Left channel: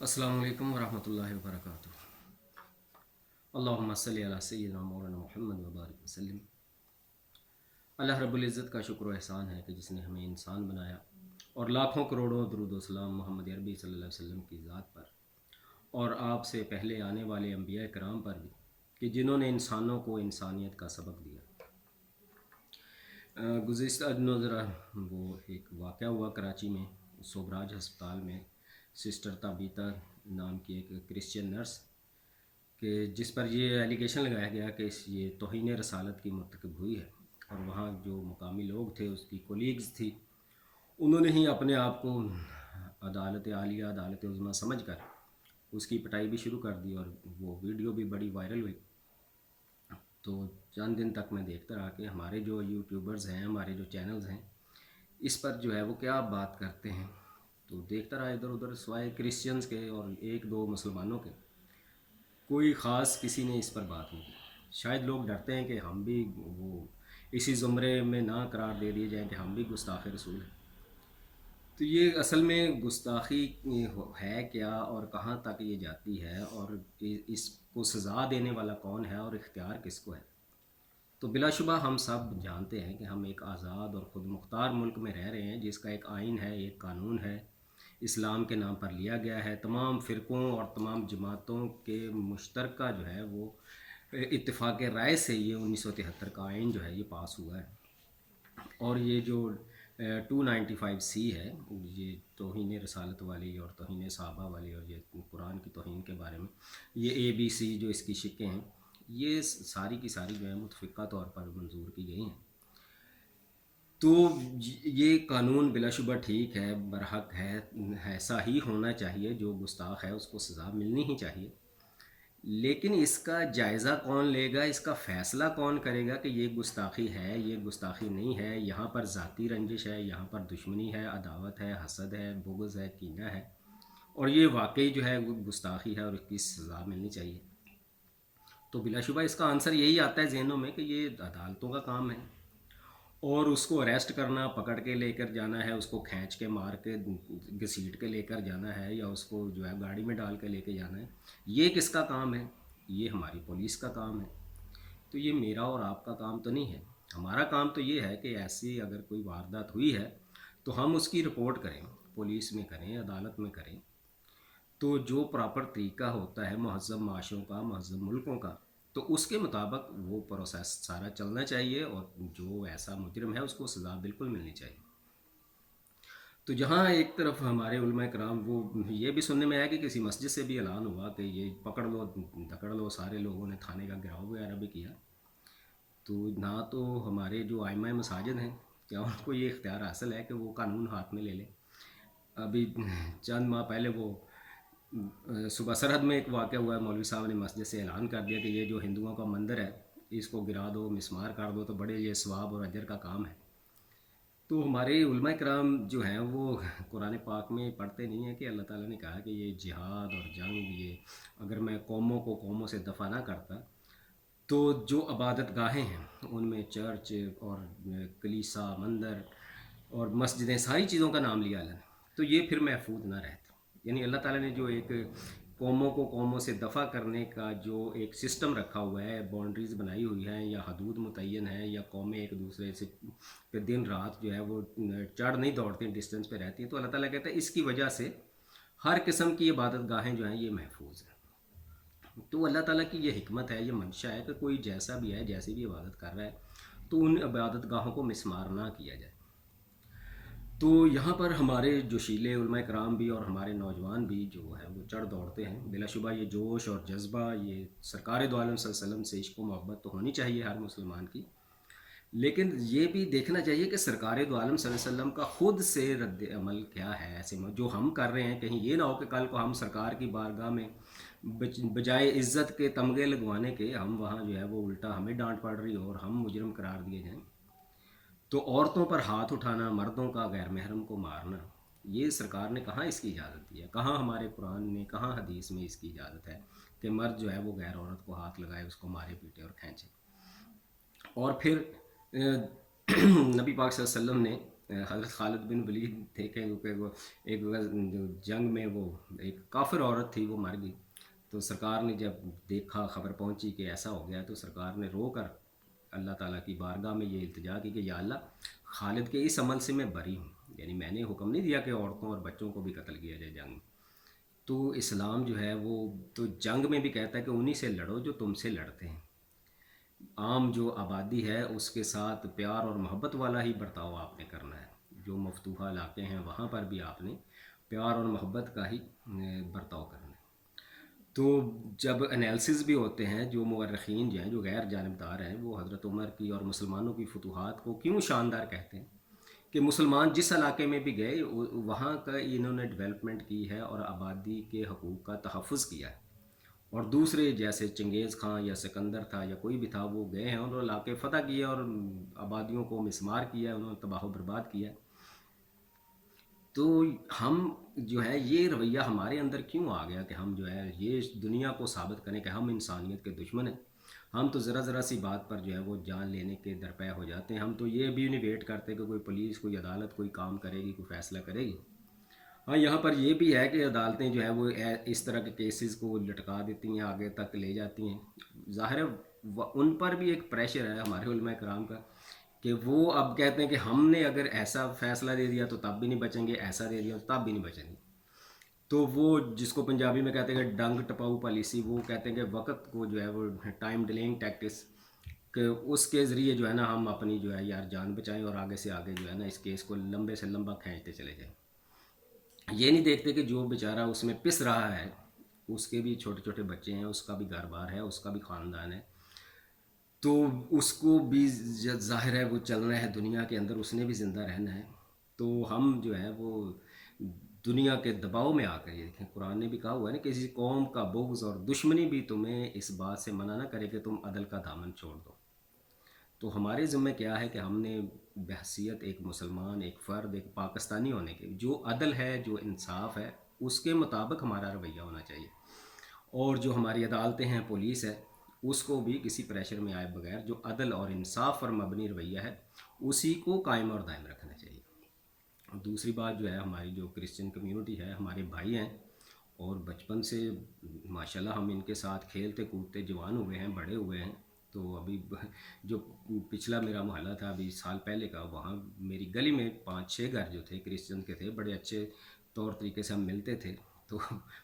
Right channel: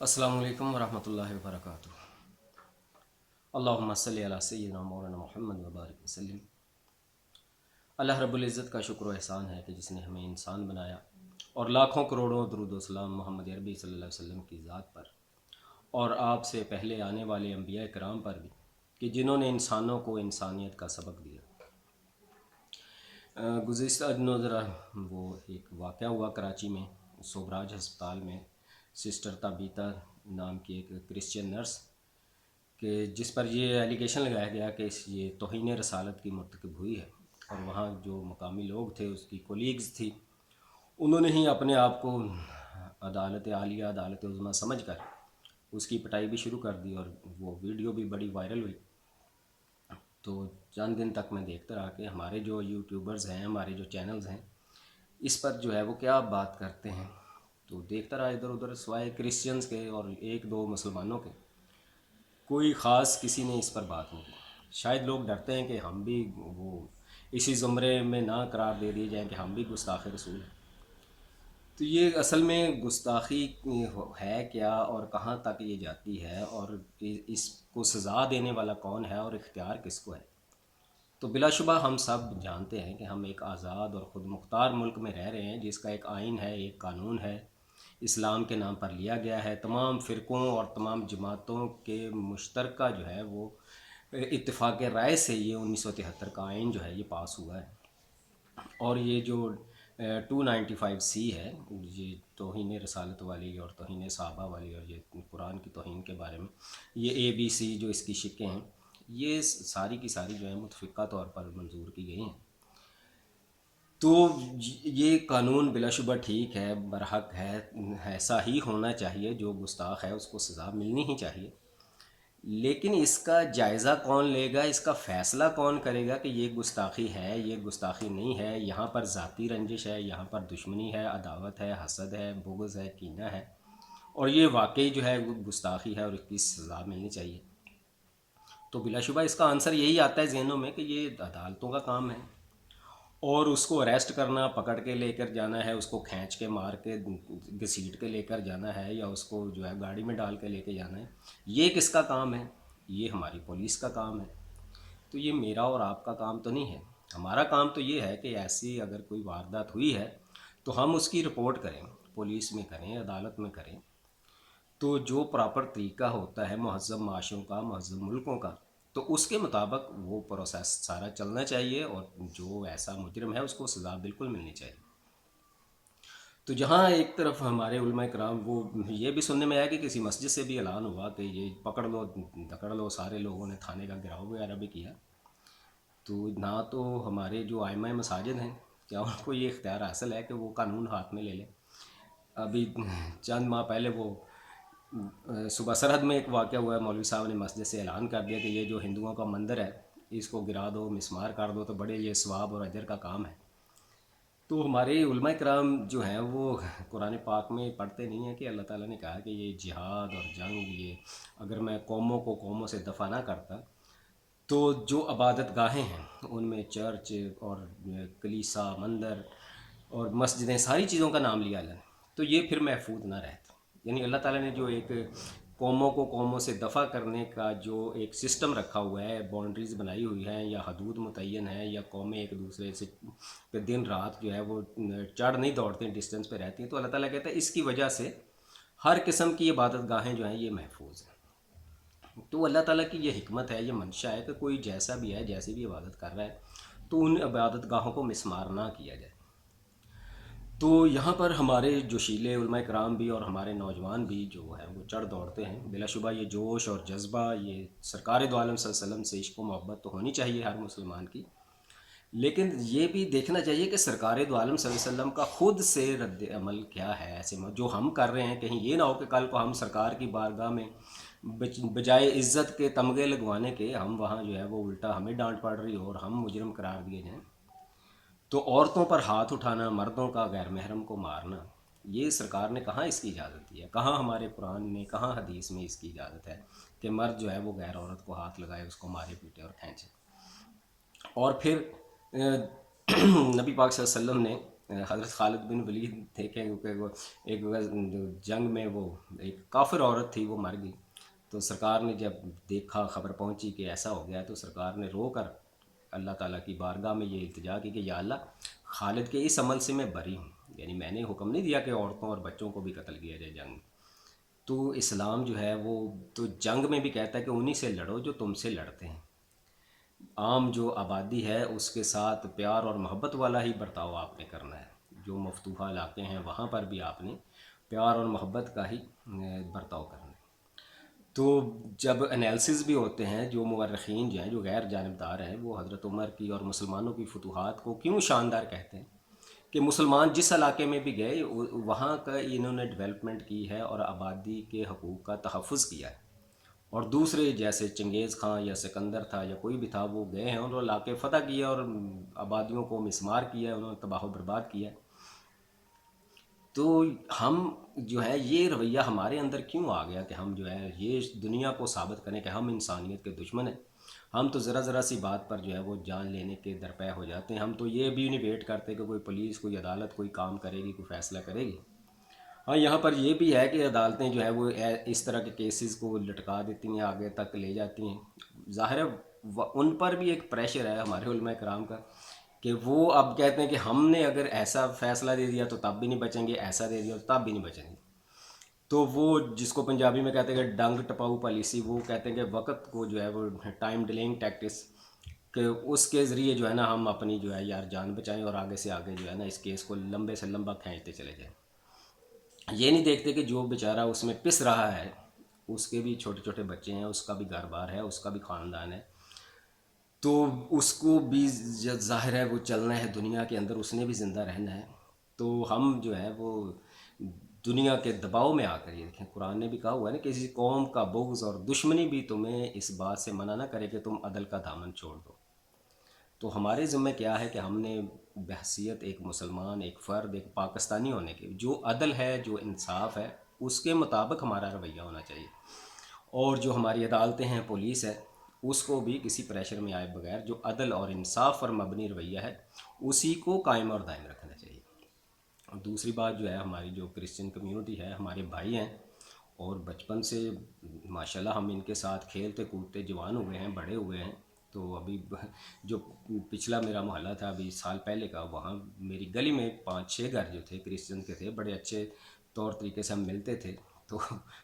السلام علیکم ورحمۃ اللہ وبرکاتہ۔ اللہم صلی علی سیدنا مولانا محمد وبارک وسلم۔ اللہ رب العزت کا شکر و احسان ہے کہ جس نے ہمیں انسان بنایا، اور لاکھوں کروڑوں درود و سلام محمد عربی صلی اللہ علیہ وسلم کی ذات پر اور آپ سے پہلے آنے والے انبیاء کرام پر بھی، کہ جنہوں نے انسانوں کو انسانیت کا سبق دیا۔ گزشتہ دنوں ذرا وہ ایک واقعہ ہوا کراچی میں، سوبراج ہسپتال میں، سسٹر تابیتا نام کی ایک کرسچن نرس، کہ جس پر یہ ایلیگیشن لگایا گیا کہ یہ توہین رسالت کی مرتکب ہوئی ہے، اور وہاں جو مقامی لوگ تھے، اس کی کولیگز تھی، انہوں نے ہی اپنے آپ کو عدالت عالیہ، عدالت عظمیٰ سمجھ کر اس کی پٹائی بھی شروع کر دی، اور وہ ویڈیو بھی بڑی وائرل ہوئی۔ تو چند دن تک میں دیکھتا رہا کہ ہمارے جو یوٹیوبرز ہیں، ہمارے جو چینلز ہیں، اس پر جو ہے وہ کیا بات کرتے ہیں۔ تو دیکھتا رہا ادھر ادھر، سوائے کرسچنز کے اور ایک دو مسلمانوں کے، کوئی خاص کسی نے اس پر بات نہیں کی۔ شاید لوگ ڈرتے ہیں کہ ہم بھی وہ اسی زمرے میں نہ قرار دے دیے جائیں کہ ہم بھی گستاخ رسول ہیں۔ تو یہ اصل میں گستاخی ہے کیا، اور کہاں تک یہ جاتی ہے، اور اس کو سزا دینے والا کون ہے، اور اختیار کس کو ہے۔ تو بلا شبہ ہم سب جانتے ہیں کہ ہم ایک آزاد اور خود مختار ملک میں رہ رہے ہیں، جس کا ایک آئین ہے، ایک قانون ہے، اسلام کے نام پر لیا گیا ہے۔ تمام فرقوں اور تمام جماعتوں کے مشترکہ جو ہے وہ اتفاق رائے سے یہ 1973 کا آئین جو ہے یہ پاس ہوا ہے۔ اور یہ جو 295C ہے، یہ توہین رسالت والی اور توہین صحابہ والی اور یہ قرآن کی توہین کے بارے میں، یہ ABC جو اس کی شقیں ہیں، یہ ساری کی ساری جو ہے متفقہ طور پر منظور کی گئی ہیں۔ تو یہ قانون بلا شبہ ٹھیک ہے، برحق ہے، ایسا ہی ہونا چاہیے، جو گستاخ ہے اس کو سزا ملنی ہی چاہیے۔ لیکن اس کا جائزہ کون لے گا، اس کا فیصلہ کون کرے گا کہ یہ گستاخی ہے، یہ گستاخی نہیں ہے، یہاں پر ذاتی رنجش ہے، یہاں پر دشمنی ہے، عداوت ہے، حسد ہے، بغض ہے، کینہ ہے، اور یہ واقعی جو ہے وہ گستاخی ہے اور اس کی سزا ملنی چاہیے۔ تو بلا شبہ اس کا آنسر یہی آتا ہے ذہنوں میں کہ یہ عدالتوں کا کام ہے، اور اس کو اریسٹ کرنا، پکڑ کے لے کر جانا ہے، اس کو کھینچ کے مار کے گھسیٹ کے لے کر جانا ہے، یا اس کو جو ہے گاڑی میں ڈال کے لے کے جانا ہے، یہ کس کا کام ہے؟ یہ ہماری پولیس کا کام ہے۔ تو یہ میرا اور آپ کا کام تو نہیں ہے۔ ہمارا کام تو یہ ہے کہ ایسی اگر کوئی واردات ہوئی ہے تو ہم اس کی رپورٹ کریں، پولیس میں کریں، عدالت میں کریں۔ تو جو پراپر طریقہ ہوتا ہے مہذب معاشروں کا، مہذب ملکوں کا، تو اس کے مطابق وہ پروسیس سارا چلنا چاہیے، اور جو ایسا مجرم ہے اس کو سزا بالکل ملنی چاہیے۔ تو جہاں ایک طرف ہمارے علماء کرام، وہ یہ بھی سننے میں آیا کہ کسی مسجد سے بھی اعلان ہوا کہ یہ پکڑ لو دکڑ لو، سارے لوگوں نے تھانے کا گھیراؤ وغیرہ بھی کیا۔ تو نہ تو ہمارے جو ائمہ مساجد ہیں، کیا ان کو یہ اختیار حاصل ہے کہ وہ قانون ہاتھ میں لے لیں؟ ابھی چند ماہ پہلے وہ صوبہ سرحد میں ایک واقعہ ہوا ہے، مولوی صاحب نے مسجد سے اعلان کر دیا کہ یہ جو ہندوؤں کا مندر ہے اس کو گرا دو، مسمار کر دو، تو بڑے یہ ثواب اور اجر کا کام ہے۔ تو ہمارے علماء کرام جو ہیں وہ قرآن پاک میں پڑھتے نہیں ہیں کہ اللہ تعالیٰ نے کہا کہ یہ جہاد اور جنگ، یہ اگر میں قوموں کو قوموں سے دفع نہ کرتا تو جو عبادت گاہیں ہیں ان میں چرچ اور کلیسا، مندر اور مسجدیں، ساری چیزوں کا نام لیا اللہ نے، تو یہ پھر محفوظ نہ رہتا۔ یعنی اللہ تعالیٰ نے جو ایک قوموں کو قوموں سے دفع کرنے کا جو ایک سسٹم رکھا ہوا ہے، باؤنڈریز بنائی ہوئی ہیں، یا حدود متعین ہیں، یا قومیں ایک دوسرے سے پہ دن رات جو ہے وہ چڑھ نہیں دوڑتی، ڈسٹینس پہ رہتی ہیں، تو اللہ تعالیٰ کہتا ہے اس کی وجہ سے ہر قسم کی عبادت گاہیں جو ہیں یہ محفوظ ہیں۔ تو اللہ تعالیٰ کی یہ حکمت ہے، یہ منشا ہے کہ کوئی جیسا بھی ہے، جیسی بھی عبادت کر رہا ہے، تو ان عبادت گاہوں کو مسمار نہ کیا جائے۔ تو یہاں پر ہمارے جوشیلے علماء کرام بھی اور ہمارے نوجوان بھی جو ہیں وہ چڑھ دوڑتے ہیں۔ بلا شبہ یہ جوش اور جذبہ، یہ سرکار دو عالم صلی اللہ علیہ وسلم سے عشق و محبت تو ہونی چاہیے ہر مسلمان کی، لیکن یہ بھی دیکھنا چاہیے کہ سرکار دو عالم صلی اللہ علیہ وسلم کا خود سے رد عمل کیا ہے۔ ایسے جو ہم کر رہے ہیں، کہیں یہ نہ ہو کہ کل کو ہم سرکار کی بارگاہ میں بجائے عزت کے تمغے لگوانے کے، ہم وہاں جو ہے وہ الٹا ہمیں ڈانٹ پڑ رہی ہو اور ہم مجرم قرار دیے جائیں۔ تو عورتوں پر ہاتھ اٹھانا، مردوں کا غیر محرم کو مارنا، یہ سرکار نے کہاں اس کی اجازت دی ہے؟ کہاں ہمارے قرآن میں، کہاں حدیث میں اس کی اجازت ہے کہ مرد جو ہے وہ غیر عورت کو ہاتھ لگائے، اس کو مارے پیٹے اور کھینچے؟ اور پھر نبی پاک صلی اللہ علیہ وسلم نے حضرت خالد بن ولید تھے کہ وہ ایک جو جنگ میں وہ ایک کافر عورت تھی وہ مر گئی، تو سرکار نے جب دیکھا، خبر پہنچی کہ ایسا ہو گیا، تو سرکار نے رو کر اللہ تعالیٰ کی بارگاہ میں یہ التجا کی کہ یا اللہ، خالد کے اس عمل سے میں بری ہوں، یعنی میں نے حکم نہیں دیا کہ عورتوں اور بچوں کو بھی قتل کیا جائے جنگ میں، تو اسلام جو ہے وہ تو جنگ میں بھی کہتا ہے کہ انہی سے لڑو جو تم سے لڑتے ہیں، عام جو آبادی ہے اس کے ساتھ پیار اور محبت والا ہی برتاؤ آپ نے کرنا ہے، جو مفتوحہ علاقے ہیں وہاں پر بھی آپ نے پیار اور محبت کا ہی برتاؤ کرنا ہے۔ تو جب انالیسز بھی ہوتے ہیں، جو مورخین جو ہیں، جو غیر جانبدار ہیں، وہ حضرت عمر کی اور مسلمانوں کی فتوحات کو کیوں شاندار کہتے ہیں کہ مسلمان جس علاقے میں بھی گئے وہاں کا انہوں نے ڈیولپمنٹ کی ہے اور آبادی کے حقوق کا تحفظ کیا ہے، اور دوسرے جیسے چنگیز خان یا سکندر تھا یا کوئی بھی تھا، وہ گئے ہیں، انہوں نے علاقے فتح کیے اور آبادیوں کو مسمار کیا ہے، انہوں نے تباہ و برباد کیا ہے۔ تو ہم جو ہے یہ رویہ ہمارے اندر کیوں آ گیا کہ ہم جو ہے یہ دنیا کو ثابت کریں کہ ہم انسانیت کے دشمن ہیں؟ ہم تو ذرا ذرا سی بات پر جو ہے وہ جان لینے کے درپے ہو جاتے ہیں، ہم تو یہ بھی نہیں ویٹ کرتے کہ کوئی پولیس، کوئی عدالت کوئی کام کرے گی، کوئی فیصلہ کرے گی۔ ہاں، یہاں پر یہ بھی ہے کہ عدالتیں جو ہے وہ اس طرح کے کیسز کو لٹکا دیتی ہیں، آگے تک لے جاتی ہیں، ظاہر ہے ان پر بھی ایک پریشر ہے ہمارے علماء کرام کا کہ وہ اب کہتے ہیں کہ ہم نے اگر ایسا فیصلہ دے دیا تو تب بھی نہیں بچیں گے، ایسا دے دیا تو تب بھی نہیں بچیں گے۔ تو وہ جس کو پنجابی میں کہتے ہیں کہ ڈنگ ٹپاؤ پالیسی، وہ کہتے ہیں کہ وقت کو جو ہے وہ ٹائم ڈیلنگ ٹیکٹس، کہ اس کے ذریعے جو ہے نا ہم اپنی جو ہے یار جان بچائیں اور آگے سے آگے جو ہے نا اس کیس کو لمبے سے لمبا کھینچتے چلے جائیں۔ یہ نہیں دیکھتے کہ جو بیچارہ اس میں پس رہا ہے، اس کے بھی چھوٹے چھوٹے بچے ہیں، اس کا بھی گھر بار ہے، اس کا بھی خاندان ہے، تو اس کو بھی ظاہر ہے وہ چلنا ہے دنیا کے اندر، اس نے بھی زندہ رہنا ہے۔ تو ہم جو ہے وہ دنیا کے دباؤ میں آ کر، یہ دیکھیں قرآن نے بھی کہا ہوا ہے نا، کسی قوم کا بغض اور دشمنی بھی تمہیں اس بات سے منع نہ کرے کہ تم عدل کا دامن چھوڑ دو۔ تو ہمارے ذمہ کیا ہے کہ ہم نے بحیثیت ایک مسلمان، ایک فرد، ایک پاکستانی ہونے کے، جو عدل ہے، جو انصاف ہے، اس کے مطابق ہمارا رویہ ہونا چاہیے، اور جو ہماری عدالتیں ہیں، پولیس ہے، اس کو بھی کسی پریشر میں آئے بغیر جو عدل اور انصاف پر مبنی رویہ ہے اسی کو قائم اور دائم رکھنا چاہیے۔ اور دوسری بات جو ہے، ہماری جو کرسچن کمیونٹی ہے، ہمارے بھائی ہیں، اور بچپن سے ماشاءاللہ ہم ان کے ساتھ کھیلتے کودتے جوان ہوئے ہیں، بڑے ہوئے ہیں، تو ابھی جو پچھلا میرا محلہ تھا ابھی سال پہلے کا، وہاں میری گلی میں 5-6 گھر جو تھے کرسچن کے تھے، بڑے اچھے طور طریقے سے ہم ملتے تھے، تو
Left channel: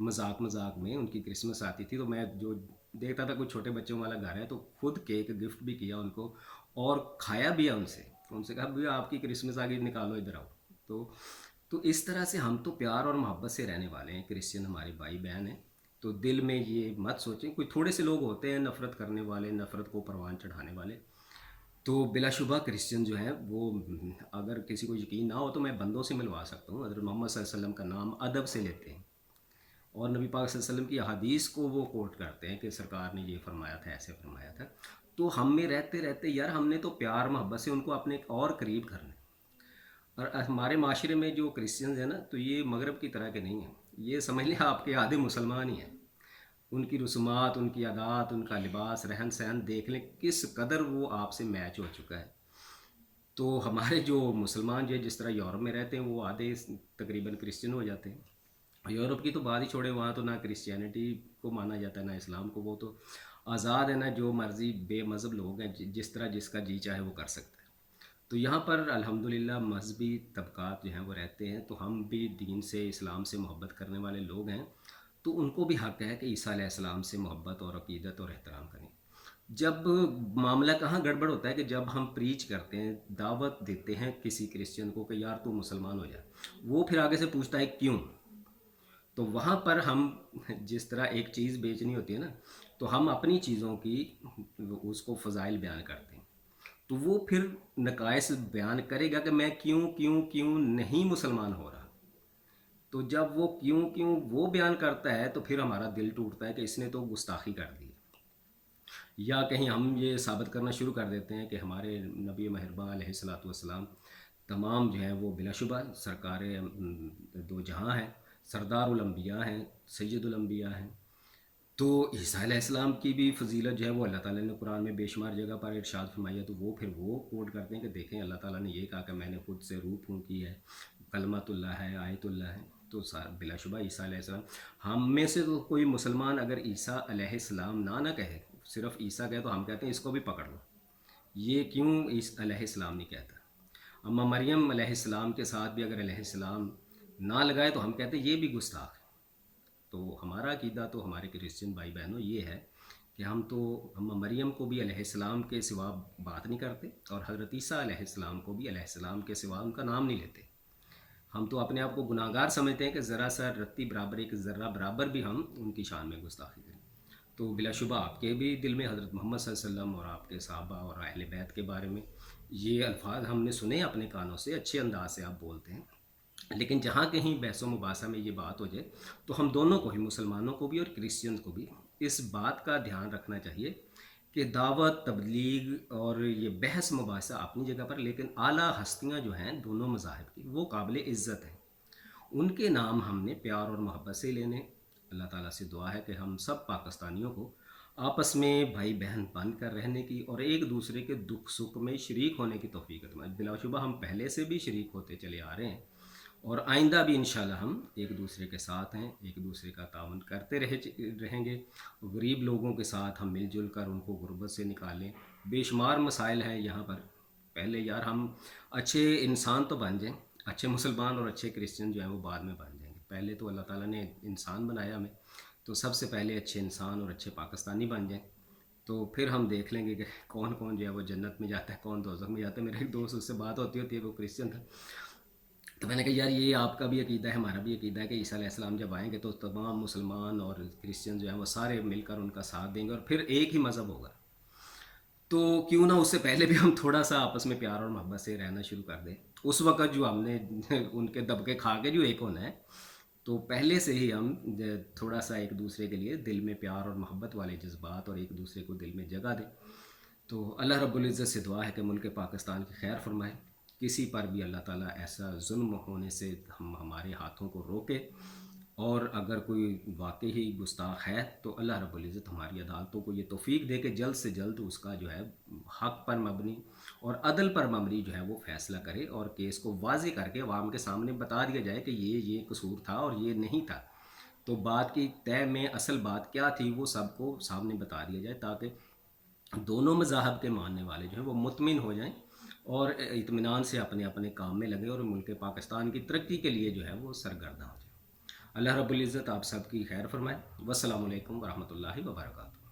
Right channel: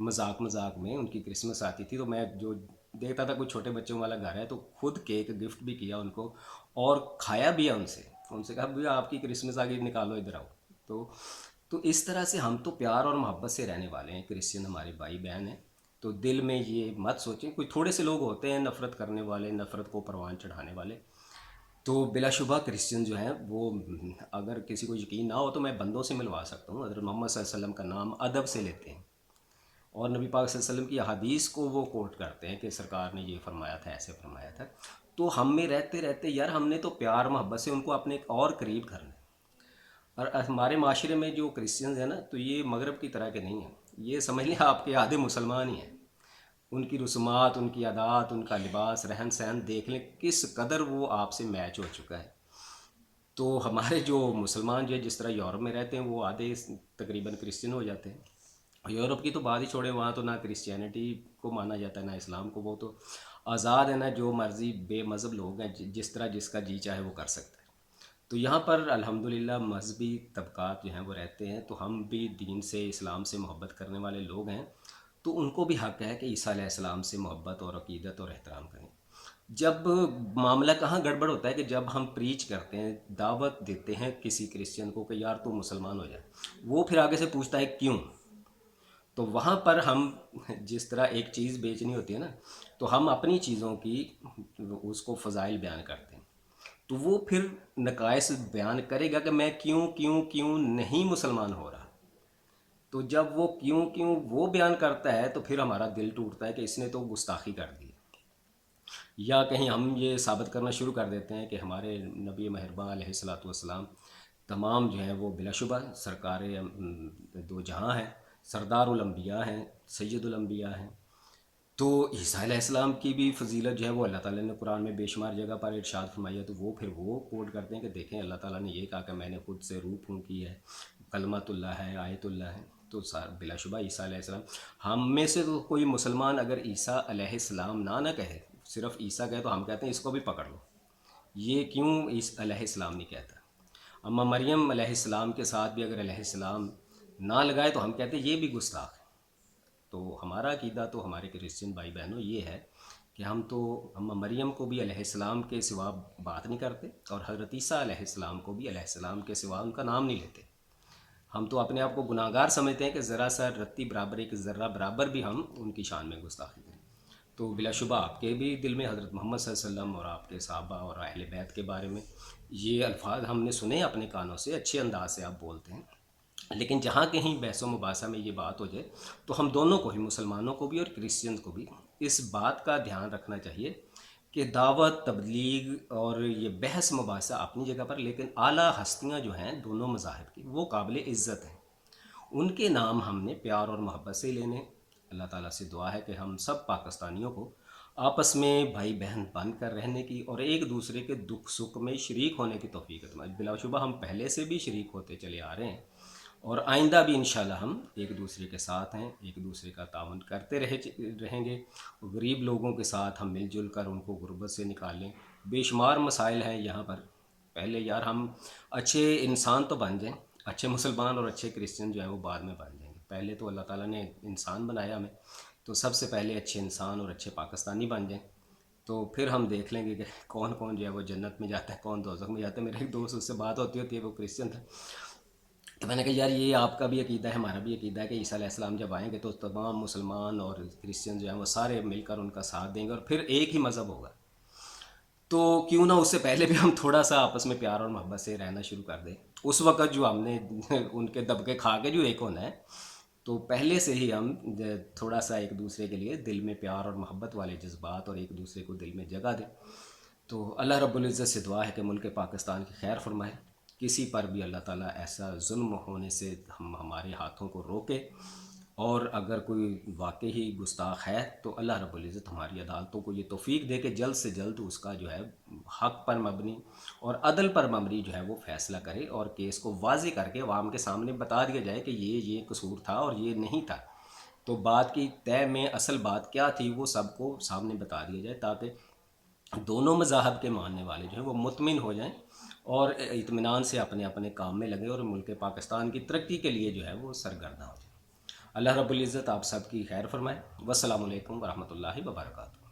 مذاق مذاق میں ان کی کرسمس آتی تھی تو میں جو دیکھتا تھا کوئی چھوٹے بچوں والا گھر ہے تو خود کیک گفٹ بھی کیا ان کو، اور کھایا بھی ہے ان سے کہا بھیا آپ کی کرسمس آ گئی، نکالو ادھر آؤ۔ تو اس طرح سے ہم تو پیار اور محبت سے رہنے والے ہیں، کرسچن ہمارے بھائی بہن ہیں، تو دل میں یہ مت سوچیں، کوئی تھوڑے سے لوگ ہوتے ہیں نفرت کرنے والے، نفرت کو پروان چڑھانے والے، تو بلا شبہ کرسچن جو ہیں وہ، اگر کسی کو یقین نہ ہو تو میں بندوں سے ملوا سکتا ہوں، حضرت محمد صلی اللہ علیہ وسلم کا نام ادب سے لیتے ہیں، اور نبی پاک صلی اللہ علیہ وسلم کی احادیث کو وہ کوٹ کرتے ہیں کہ سرکار نے یہ فرمایا تھا، ایسے فرمایا تھا، تو ہم میں رہتے رہتے یار ہم نے تو پیار محبت سے ان کو اپنے اور قریب کرنا ہے۔ اور ہمارے معاشرے میں جو کرسچنز ہیں نا، تو یہ مغرب کی طرح کے نہیں ہیں، یہ سمجھ لیں آپ کے آدھے مسلمان ہی ہیں، ان کی رسومات، ان کی عادات، ان کا لباس، رہن سہن دیکھ لیں کس قدر وہ آپ سے میچ ہو چکا ہے۔ تو ہمارے جو مسلمان جو ہے جس طرح یورپ میں رہتے ہیں، وہ آدھے تقریباً کرسچن ہو جاتے ہیں، یورپ کی تو بات ہی چھوڑے، وہاں تو نہ کرسچینٹی کو مانا جاتا ہے نہ اسلام کو، وہ تو آزاد ہے نا، جو مرضی بے مذہب لوگ ہیں، جس طرح جس کا جی چاہے وہ کر سکتا ہے۔ تو یہاں پر الحمدللہ مذہبی طبقات جو ہیں وہ رہتے ہیں، تو ہم بھی دین سے، اسلام سے محبت کرنے والے لوگ ہیں، تو ان کو بھی حق ہے کہ عیسیٰ علیہ السلام سے محبت اور عقیدت اور احترام کریں۔ جب معاملہ کہاں گڑبڑ ہوتا ہے کہ جب ہم پریچ کرتے ہیں، دعوت دیتے ہیں کسی کرسچن کو کہ یار تو مسلمان ہو جائے، وہ پھر آگے سے پوچھتا ہے کیوں، تو وہاں پر ہم جس طرح ایک چیز بیچنی ہوتی ہے نا، تو ہم اپنی چیزوں کی اس کو فضائل بیان کرتے ہیں، تو وہ پھر نقائص بیان کرے گا کہ میں کیوں کیوں کیوں نہیں مسلمان ہو رہا، تو جب وہ کیوں کیوں وہ بیان کرتا ہے تو پھر ہمارا دل ٹوٹتا ہے کہ اس نے تو گستاخی کر دی، یا کہیں ہم یہ ثابت کرنا شروع کر دیتے ہیں کہ ہمارے نبی مہرباں علیہ الصلوۃ والسلام تمام جو ہیں وہ بلا شبہ سرکار دو جہاں ہیں، سردار الانبیاء ہیں، سید الانبیاء ہیں، تو عیسیٰ علیہ السلام کی بھی فضیلت جو ہے وہ اللہ تعالیٰ نے قرآن میں بے شمار جگہ پر ارشاد فرمائی ہے، تو وہ پھر وہ کوٹ کرتے ہیں کہ دیکھیں اللہ تعالیٰ نے یہ کہا کہ میں نے خود سے روح پھونکی ہے، کلمۃ اللہ ہے، آیت اللہ ہے، تو بلا شبہ عیسیٰ علیہ السلام ہم میں سے تو کوئی مسلمان اگر عیسیٰ علیہ السلام نہ کہے، صرف عیسیٰ کہے، تو ہم کہتے ہیں اس کو بھی پکڑ لو، یہ کیوں عیسیٰ علیہ السلام نہیں کہتا؟ اما مریم علیہ السلام کے ساتھ بھی اگر علیہ السلام نہ لگائے تو ہم کہتے ہیں یہ بھی گستاخ ہے۔ تو ہمارا عقیدہ تو ہمارے کرسچن بھائی بہنوں یہ ہے کہ ہم تو اما مریم کو بھی علیہ السلام کے سوا بات نہیں کرتے، اور حضرت عیسیٰ علیہ السلام کو بھی علیہ السلام کے سوا ان کا نام نہیں لیتے۔ ہم تو اپنے آپ کو گناہ گار سمجھتے ہیں کہ ذرا سا رتی برابر، ایک ذرہ برابر بھی ہم ان کی شان میں گستاخی کریں۔ تو بلا شبہ آپ کے بھی دل میں حضرت محمد صلی اللہ علیہ وسلم اور آپ کے صحابہ اور اہل بیت کے بارے میں یہ الفاظ ہم نے سنے اپنے کانوں سے، اچھے انداز سے آپ بولتے ہیں، لیکن جہاں کہیں بحث و مباحثہ میں یہ بات ہو جائے تو ہم دونوں کو ہی، مسلمانوں کو بھی اور کرسچنز کو بھی، اس بات کا دھیان رکھنا چاہیے کہ دعوت، تبلیغ اور یہ بحث مباحثہ اپنی جگہ پر، لیکن اعلیٰ ہستیاں جو ہیں دونوں مذاہب کی وہ قابل عزت ہیں، ان کے نام ہم نے پیار اور محبت سے لینے۔ اللہ تعالیٰ سے دعا ہے کہ ہم سب پاکستانیوں کو آپس میں بھائی بہن بن کر رہنے کی اور ایک دوسرے کے دکھ سکھ میں شریک ہونے کی توفیق عطا فرمائے۔ بلا شبہ ہم پہلے سے بھی شریک ہوتے چلے آ رہے ہیں، اور آئندہ بھی انشاءاللہ ہم ایک دوسرے کے ساتھ ہیں، ایک دوسرے کا تعاون کرتے رہیں گے۔ غریب لوگوں کے ساتھ ہم مل جل کر ان کو غربت سے نکالیں۔ بے شمار مسائل ہیں یہاں پر، پہلے یار ہم اچھے انسان تو بن جائیں، اچھے مسلمان اور اچھے کرسچن جو ہیں وہ بعد میں بن جائیں گے۔ پہلے تو اللہ تعالیٰ نے انسان بنایا ہمیں، تو سب سے پہلے اچھے انسان اور اچھے پاکستانی بن جائیں، تو پھر ہم دیکھ لیں گے کہ کون کون جو ہے وہ جنت میں جاتا ہے، کون دوزخ میں جاتا ہے۔ میرے ایک دوست، اس سے بات ہوتی ہے، وہ کرسچن تھا، تو میں نے کہا یار یہ آپ کا بھی عقیدہ ہے، ہمارا بھی عقیدہ ہے کہ عیسیٰ علیہ السلام جب آئیں گے تو تمام مسلمان اور کرسچن جو ہیں وہ سارے مل کر ان کا ساتھ دیں گے اور پھر ایک ہی مذہب ہوگا۔ تو کیوں نہ اس سے پہلے بھی ہم تھوڑا سا آپس میں پیار اور محبت سے رہنا شروع کر دیں۔ اس وقت جو ہم نے ان کے دبکے کھا کے جو ایک ہونا ہے، تو پہلے سے ہی ہم تھوڑا سا ایک دوسرے کے لیے دل میں پیار اور محبت والے جذبات اور ایک دوسرے کو دل میں جگہ دیں۔ تو اللہ رب العزت سے دعا ہے کہ ملک پاکستان کی خیر فرمائے، کسی پر بھی اللہ تعالیٰ ایسا ظلم ہونے سے ہمارے ہاتھوں کو روکے، اور اگر کوئی واقعی ہی گستاخ ہے تو اللہ رب العزت ہماری عدالتوں کو یہ توفیق دے کہ جلد سے جلد اس کا جو ہے حق پر مبنی اور عدل پر مبنی جو ہے وہ فیصلہ کرے، اور کیس کو واضح کر کے عوام کے سامنے بتا دیا جائے کہ یہ قصور تھا اور یہ نہیں تھا۔ تو بات کی طے میں اصل بات کیا تھی وہ سب کو سامنے بتا دیا جائے، تاکہ دونوں مذاہب کے ماننے والے جو ہیں وہ مطمئن ہو جائیں اور اطمینان سے اپنے اپنے کام میں لگیں، اور ملک پاکستان کی ترقی کے لیے جو ہے وہ سرگرداں ہو جائیں۔ اللہ رب العزت آپ سب کی خیر فرمائے۔ والسلام علیکم ورحمۃ اللہ وبرکاتہ۔